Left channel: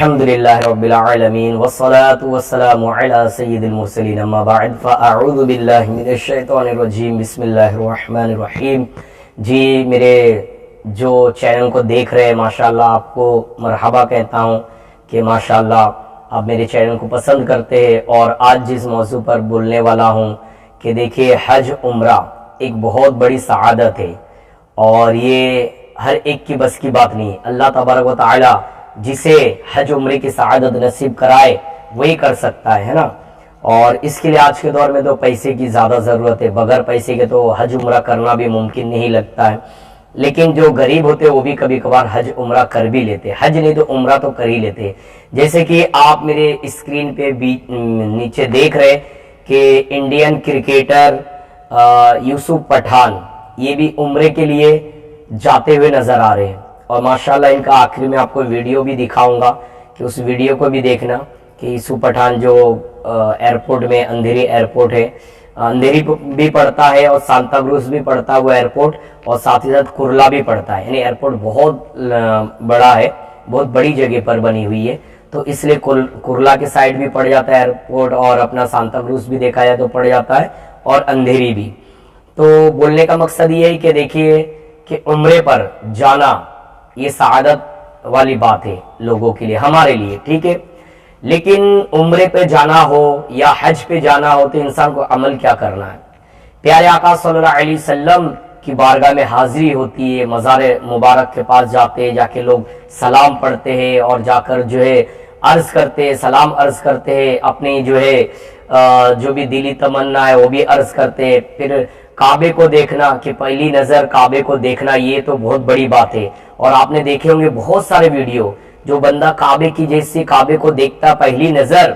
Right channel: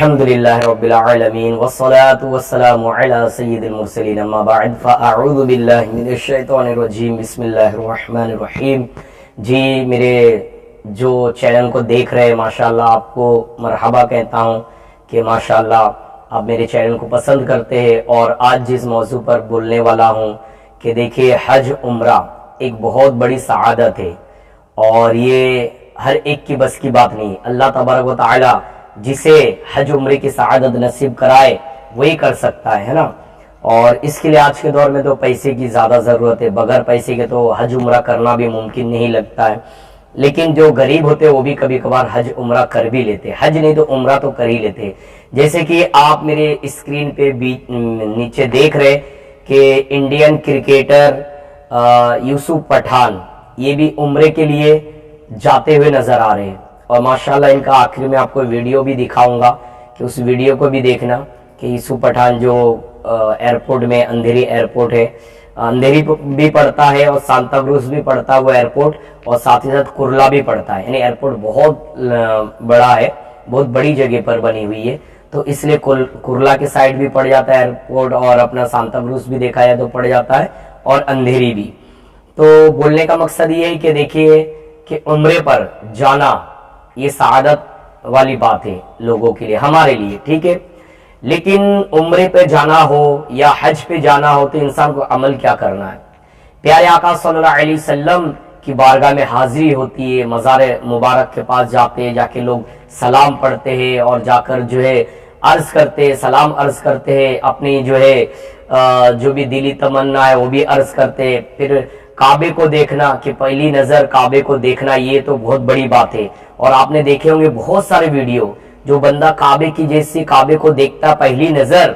الحمدللہ رب العالمین والصلاة والسلام علی سید المرسلین اما بعد فاعوذ باللہ من الشیطان الرجیم بسم اللہ الرحمن الرحیم۔ جی میرے جو چینل کو دیکھ رہے ہیں ماشاءاللہ آپ کو مرحبا کہتا ہوں کہ ماشاءاللہ آپ میرے چینل کو پسند کرتے ہیں، اور آج جس موضوع پر بولنے والا ہوں کہ دیکھیے حج عمرہ ایک بہت بڑی سعادت ہے، اور یہ ہر ایک کی بس کی بات نہیں۔ اللہ تبارک و تعالی جسے حج عمرے کی سعادت نصیب کرائے وہی کر سکتا ہے نا، اور اس کے لیے آج کے دور میں تو پیسے کی زیادہ ضرورت ہے، بغیر پیسے کے تو حج عمرہ کرنا بھی ممکن نہیں لگتا ہے، لیکن جو غریب ہوتے ہیں وہ بھی کبھی کبھار حج عمرہ کر بھی لیتے، حج نہیں تو عمرہ تو کر ہی لیتے۔ جیسے کہ آپ میرے اسکرین پہ بھی نیچے دیکھ رہے کہ انڈین کرکٹر یوسف پٹھان یہ بھی عمرے کے لیے جاتے ہوئے نظر آ رہے ہیں، اور ماشاءاللہ ان کا آخر میں آپ کو ویڈیو بھی دکھاؤں گا کہ اس ویڈیو کو بھی دیکھنا کہ یوسف پٹھان جو ایئرپورٹ میں اندھیری ایئرپورٹ ہے، اندھیری بھی پڑتا ہے اور سانتا کروز بھی پڑتا ہے وہ ایئرپورٹ، اور ساتھ ہی ساتھ کرلا بھی پڑتا ہے، یعنی ایئرپورٹ بہت بڑا ہے، بہت بڑی جگہ پر بنی ہوئی ہے، تو اس لیے کرلا کے سائڈ بھی پڑ جاتا ہے ایئرپورٹ، اور اپنا سانتا کروز بھی دیکھا جائے تو پڑ جاتا ہے، اور اندھیری بھی۔ تو بولنے کا مقصد یہ ہے کہ دیکھیے کہ عمرے پر جانا یہ سعادت والی بات ہے لوگوں کے لیے، ہمارے لیے، ٹھیک ہے، لیکن عمرے پہ جانا ہو یا حج پہ جانا ہو تو انسان کو عمل کیا کرنا ہے؟ پیارے آقا صلی اللہ علیہ وسلم کی بارگاہ میں حاضری ہوتی ہے، مزار مبارک کے پاس جاتے ہیں، جا کے لوگ سلام پڑھتے ہیں، اور جا کر جو ہے عرض کرتے ہیں، سلام عرض کرتے ہیں، اپنی جو ہے جو بھی دلی تمنا ہے وہ بھی عرض کرتے ہیں۔ پھر کعبے کو دیکھنا، کہ پہلی نظر کعبے کو دیکھنا یہ تو بہت بڑی بات ہے، اور آپ نے دیکھے ہوں گے بہت سارے ویڈیو، جو بندہ کعبے کی جیسی کعبے کو دیکھتا پہلی نظر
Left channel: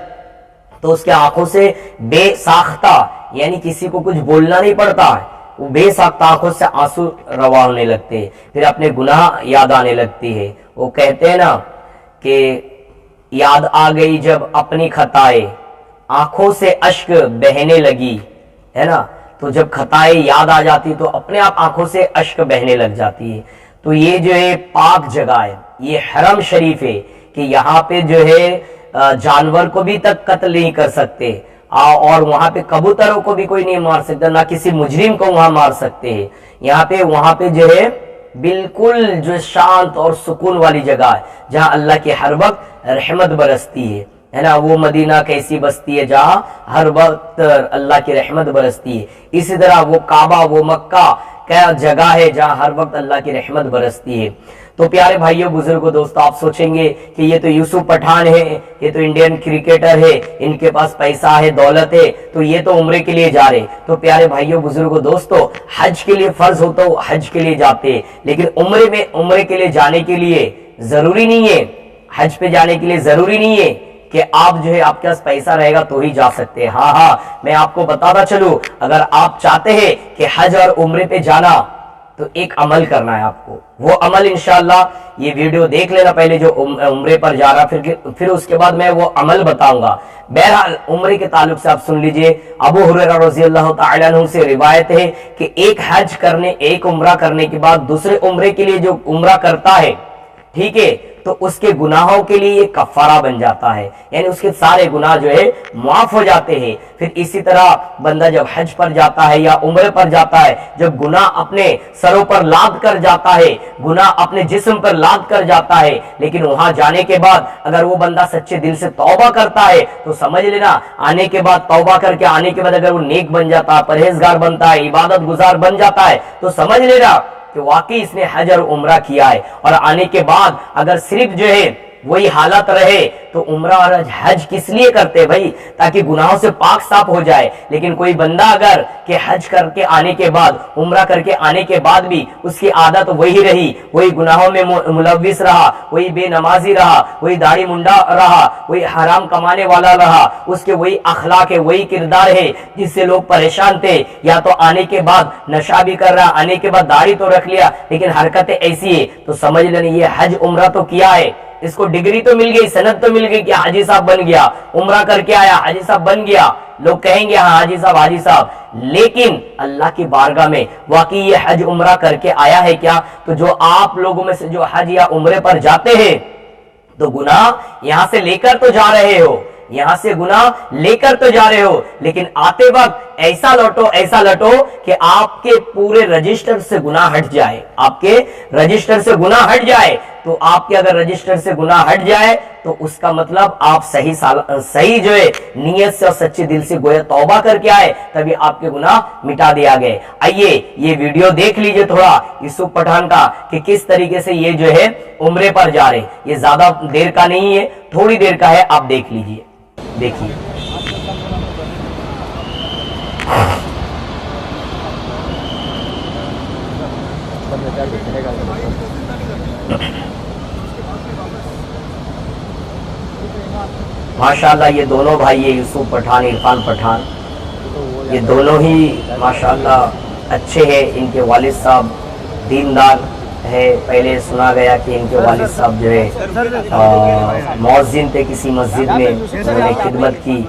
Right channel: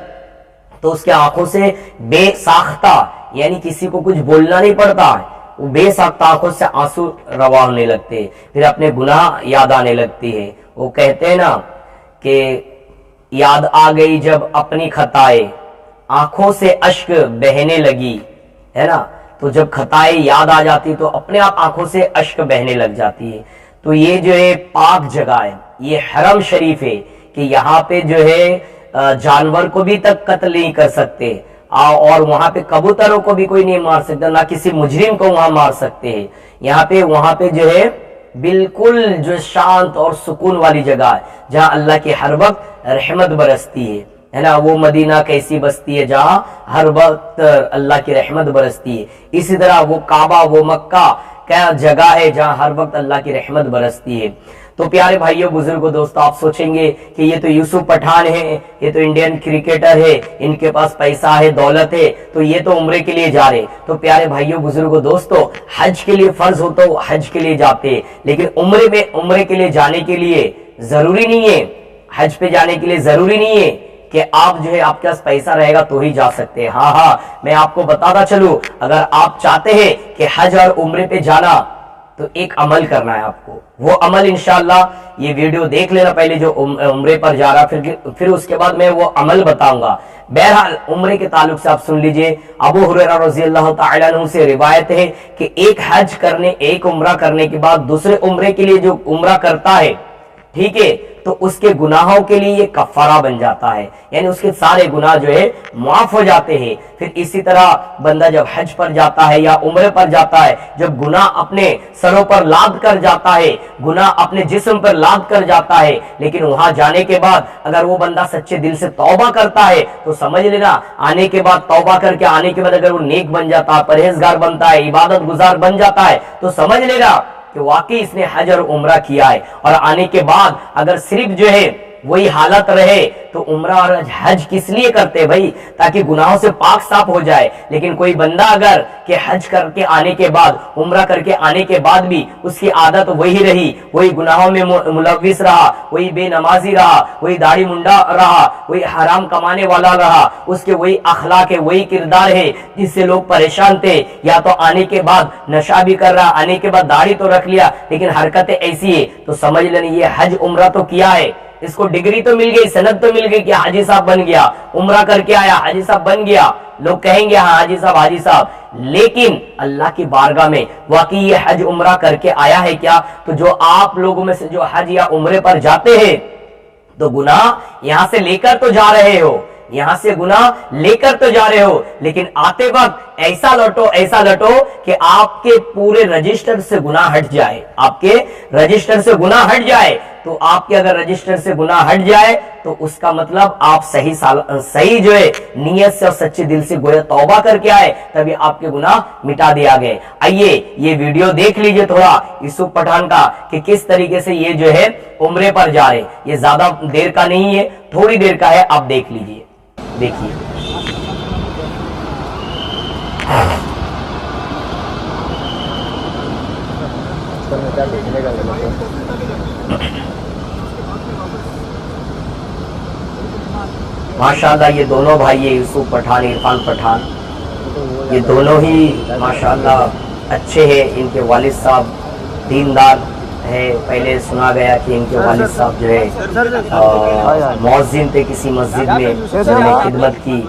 تو اس کے آنکھوں سے بے ساختہ، یعنی کسی کو کچھ بولنا نہیں پڑتا ہے، وہ بے ساختہ آنکھوں سے آنسو روا ہونے لگتے، پھر اپنے گناہ یاد آنے لگتی ہے۔ وہ کہتے ہیں نا کہ یاد آ گئی جب اپنی خطائیں، آنکھوں سے اشک بہنے لگی، ہے نا، تو جب خطائیں یاد آ جاتی تو اپنے آپ آنکھوں سے اشک بہنے لگ جاتی ہے۔ تو یہ جو ہے پاک جگہ ہے، یہ حرم شریف ہے کہ یہاں پہ جو ہے جانور کو بھی تک قتل نہیں کر سکتے، اور وہاں پہ کبوتروں کو بھی کوئی نہیں مار سکتا، نہ کسی مجرم کو وہاں مار سکتے ہیں۔ وہاں پہ جو ہے بالکل جو شانت اور سکون والی جگہ ہے، جہاں اللہ کی ہر وقت رحمت برستی ہے نا۔ وہ مدینہ کیسی بستی ہے جہاں ہر وقت اللہ کی رحمت برستی ہے، اسی طرح وہ کعبہ، وہ مکہ کیا جگہ ہے جہاں ہر وقت اللہ کی رحمت برستی ہے۔ تو پیارے بھائیوں، بزرگوں، دوستو، آپ سوچیں گے کہ یہ تو یوسف پٹھان ہے، یہ تو انڈین کرکٹر ہے، ان کے پاس پیسہ ہے، دولت ہے، تو یہ تو عمرے کے لیے جا رہے۔ تو پیارے بھائیوں، بزرگوں، دوستو، حج کے لیے فرض ہو تو حج کے لیے جاتے، لیکن عمرے کے لیے جانے کے لیے ضروری نہیں ہے، حج پہ جانے کے لیے ضروری نہیں ہے کہ آپ جو ہے آپ کے پاس پیسہ رہے گا تو ہی جا سکتے ہیں۔ ہاں میں آپ کو بتاتا چلوں، اگر آپ چاہتے ہیں کہ حج اور عمرے پہ جانا تو ایک عمل کرنا ہے آپ کو، وہ عمل انشاءاللہ یہ ویڈیو دیکھ لینا پہلے جو عمرے پر جا رہا، پھر اس کے بعد میں وہ عمل بتاؤں گا۔ بہرحال عمرے کے تعلق سے آپ سن لیجئے، ابو ہریرہ رضی اللہ تعالیٰ عنہ سے روایت ہے کہ ایک عمرہ کرنے کے بعد دوسرے عمرے کے لیے جو عمرہ کرتا ہے، ٹھیک ہے، تو اس کے گناہوں کے لیے یہ کفارہ بن جاتا ہے، یعنی اس کے سارے گناہ جو ہے معاف ہو جاتے ہیں۔ پھر اسی طرح بندہ جب حج پر جاتا ہے یا عمرے پر جاتا ہے، جب گناہ اپنے سروں پر لاد کر جاتا ہے، گناہ اپنے جسم پر لاد کر جاتا ہے، لیکن وہاں جانے کے بعد اگر وہ بندہ سچے دل سے توبہ کرتا ہے تو سمجھ لینا، آنے کے بعد توبہ کر کے آنے کے بعد اگر وہ نیک بن جاتا ہے، پرہیزگار بنتا ہے، عبادت گزار بن جاتا ہے، تو سمجھ لینا کہ واقعی اس نے حج اور عمرہ کیا ہے۔ اور آنے کے بعد اگر صرف جو ہے وہی حالت رہے تو عمرہ اور حج کس لیے کرتے بھائی؟ تاکہ گناہوں سے پاک صاف ہو جائے۔ لیکن کوئی بندہ اگر کہ حج کر کے آنے کے بعد، عمرہ کر کے آنے کے بعد بھی اس کی عادت وہی رہی، وہی گناہوں میں ملوث رہا، وہی بے نمازی رہا، وہی داڑھی منڈا رہا، وہی حرام کمانے والا رہا، اس کے وہی اخلاق ہے، وہی کردار ہے جس سے لوگ پریشان تھے، یا تو آنے کے بعد نشہ بھی کر رہا، آنے کے بعد داڑھی تو رکھ لیا لیکن حرکتیں ایسی ہے، تو سمجھ لینا یہ حج عمرہ تو کیا ہے، اس کو ڈگری تو مل گئی، سند تو مل گئی کہ حاجی صاحب بن گیا، عمرہ کر کے آیا، حاجی صاحب بن گیا، لوگ کہیں گے ہاں حاجی صاحب، لیکن اللہ کی بارگاہ میں واقعی یہ حج عمرہ کر کے آیا ہے کیا؟ تو جو آپ لوگوں میں سے جو حج یا عمرے پر جاتے ہیں تو گناہ یہاں سے لے کر تو جا رہے ہو، یہاں سے گناہ لے کر تو جا رہے ہو، لیکن آتے وقت ایسا لوٹو کہ آپ کے پورے رجسٹر سے گناہ ہٹ جائے، آپ کے رجسٹر سے گناہ ہٹ جائے۔ تو آپ کے اگر رجسٹر سے گناہ ہٹ جائے تو اس کا مطلب آپ صحیح جو ہے نیت سے اور سچے دل سے گویا توبہ کر کے آئے، تبھی آپ کے گناہ مٹا دیا گئے۔ آئیے یہ ویڈیو دیکھ لیجئے تھوڑا یوسف پٹھان کا کہ کس طریقے سے یہ جو ہے عمرے پر جا رہے، یہ زیادہ دیر کا نہیں ہے، تھوڑی دیر کا ہے، آپ دیکھ لیجئے، دیکھیے۔ ماشاءاللہ یہ دونوں بھائی یوسف پٹھان، عرفان پٹھان، یہ دونوں ہی ماشاءاللہ اچھے ہیں۔ ان کے والد صاحب دیندار ہے، پہلے سنا گیا کہ ان کے والد صاحب جو ہے مؤذن تھے کسی مسجد میں، انہوں نے خدمت کی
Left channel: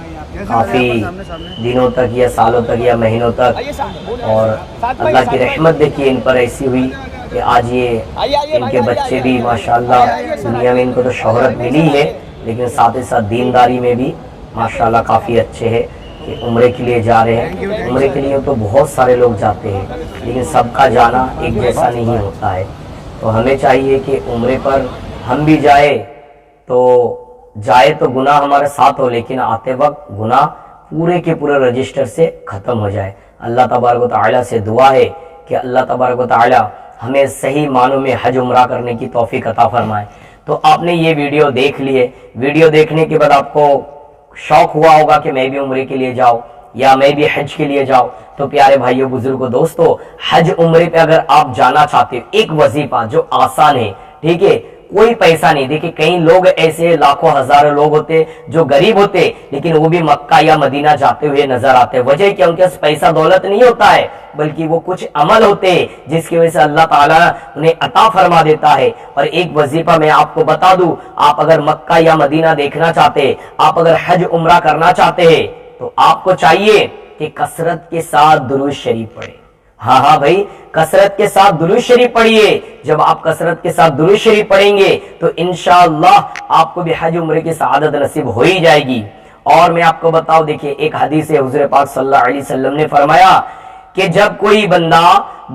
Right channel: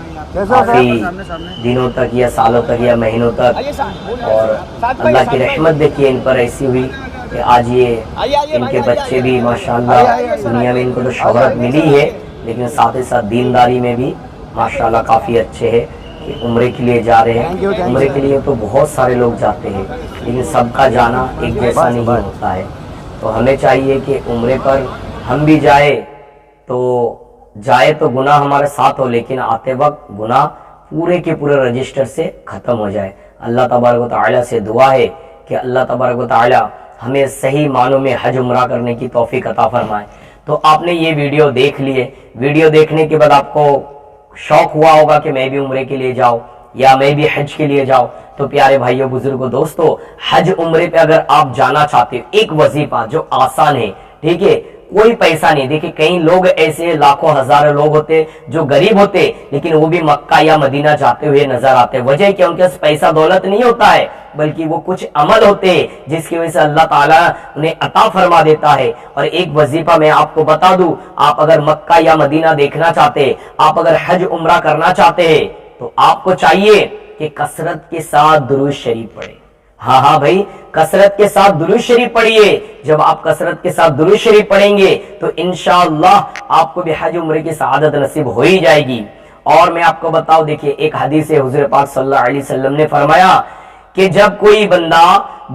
کافی دنوں تک یا سالوں تک یا مہینوں تک، اور اللہ کی رحمت دیکھیے ان پر ایسی ہوئی کہ آج یہ ان کے بچے بھی ماشاءاللہ دنیا میں ان کو تو شہرت ملی ہے، لیکن ساتھ ہی ساتھ دینداری میں بھی ماشاءاللہ کافی اچھے ہیں کہ عمرے کے لیے جا رہے ہیں۔ عمرے کے لیے تو بہت سارے لوگ جاتے ہیں، لیکن سب کا جانا ایک جیسا نہیں ہوتا ہے۔ تو ہمیں چاہیے کہ عمرے پر ہم بھی جائے تو گناہ ہمارے ساتھ ہو، لیکن آتے وقت گناہ پورے کے پورے رجسٹر سے ختم ہو جائے۔ اللہ تبارک و تعالیٰ سے دعا ہے کہ اللہ تبارک و تعالیٰ ہمیں صحیح معنوں میں حج عمرہ کرنے کی توفیق عطا فرمائے۔ تو آپ نے یہ ویڈیو دیکھ لیے، ویڈیو دیکھنے کے بعد آپ کو شوق ہوا ہوگا کہ میں بھی عمرے کے لیے جاؤں یا میں بھی حج کے لیے جاؤں۔ تو پیارے بھائیوں بزرگوں دوستو، حج عمرے پہ اگر آپ جانا چاہتے ہو، ایک وظیفہ جو آسان ہے، ٹھیک ہے، کوئی پیسہ نہیں۔ دیکھیں کئی لوگ ایسے لاکھوں ہزاروں لوگ ہوتے جو غریب ہوتے، لیکن وہ بھی مکہ یا مدینہ جاتے ہوئے نظر آتے۔ وجہ کیا؟ ان کے پاس پیسہ دولت نہیں ہوتا ہے، بلکہ وہ کچھ عمل ہوتے جس کی وجہ سے اللہ تعالیٰ انہیں عطا فرما دیتا ہے۔ اور ایک وظیفہ میں آپ کو بتا دوں، آپ اگر مکہ یا مدینہ دیکھنا چاہتے، آپ اگر حج عمرہ کرنا چاہتے ہیں، تو آپ کو چاہیے کہ کثرت کے ساتھ درود شریف پڑھیں۔ ہاں بھائی، کثرت کے ساتھ درود شریف پڑھیے۔ جب آپ کثرت کے ساتھ درود شریف پڑھیں گے تو انشاءاللہ آپ کو بھی حج عمرے کی سعادت نصیب ہو ہی جائے گی۔ اور میں آپ کو بتاؤں، دیکھیے ایک حدیث ہے، حضور پاک صلی اللہ علیہ وسلم نے فرمایا کہ جب کوئی بندہ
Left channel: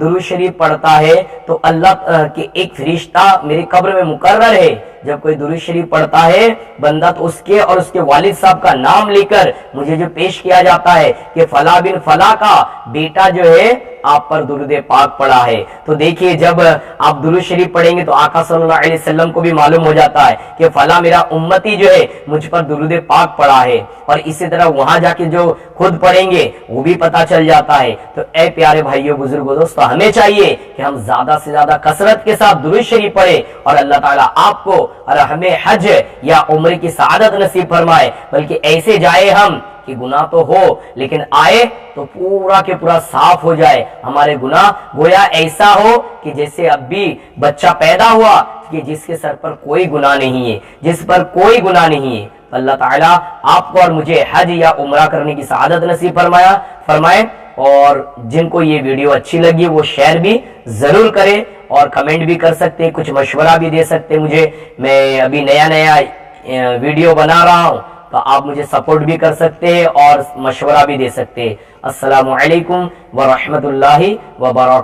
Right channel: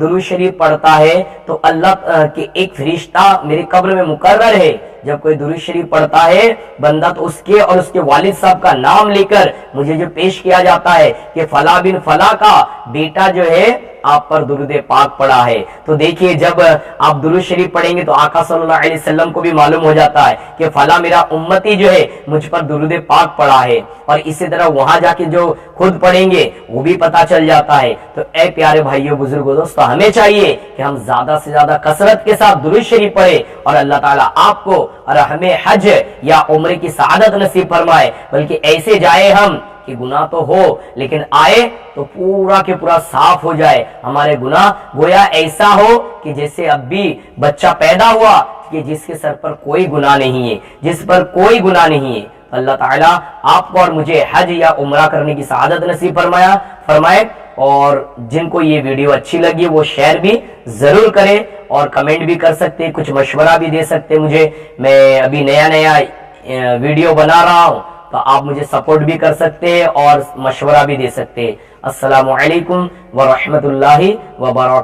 درود شریف پڑھتا ہے تو اللہ کے ایک فرشتہ میرے قبر میں مقرر ہے، جب کوئی درود شریف پڑھتا ہے بندہ تو اس کے اور اس کے والد صاحب کا نام لے کر مجھے جو پیش کیا جاتا ہے کہ فلاں بن فلاں کا بیٹا جو ہے آپ پر درود پاک پڑھا ہے۔ تو دیکھیے جب آپ درود شریف پڑھیں گے تو آقا صلی اللہ علیہ وسلم کو بھی معلوم ہو جاتا ہے کہ فلاں میرا امتی جو ہے مجھ پر درود پاک پڑھا ہے، اور اسی طرح وہاں جا کے جو خود پڑھیں گے وہ بھی پتہ چل جاتا ہے۔ تو اے پیارے بھائیوں بزرگوں دوستو، ہمیں چاہیے کہ ہم زیادہ سے زیادہ کثرت کے ساتھ درود شریف پڑھیں، اور اللہ تعالیٰ آپ کو اور ہمیں حج یا عمرے کی سعادت نصیب فرمائے۔ بلکہ ایسے جائے ہم کہ گناہ تو ہو لیکن آئے تو پورا کے پورا صاف ہو جائے، ہمارے گناہ گویا ایسا ہو کہ جیسے اب بھی بچہ پیدا ہوا کہ جس کے سر پر کوئی گناہ نہیں ہے، جس پر کوئی گناہ نہیں ہے۔ اللہ تعالیٰ آپ کو اور مجھے حج یا عمرہ کرنے کی سعادت نصیب فرمائے۔ اور جن کو یہ ویڈیو اچھی لگی وہ شیئر بھی ضرور کرے، اور کمنٹ بھی کر سکتے، کچھ مشورہ بھی دے سکتے مجھے۔ میں ابھی نیا ویڈیو بنا رہا ہوں تو آپ مجھے سپورٹ بھی کر سکتے ہیں اور مشورہ بھی دے سکتے ہیں۔ السلام علیکم ورحمۃ اللہ وبرکاتہ۔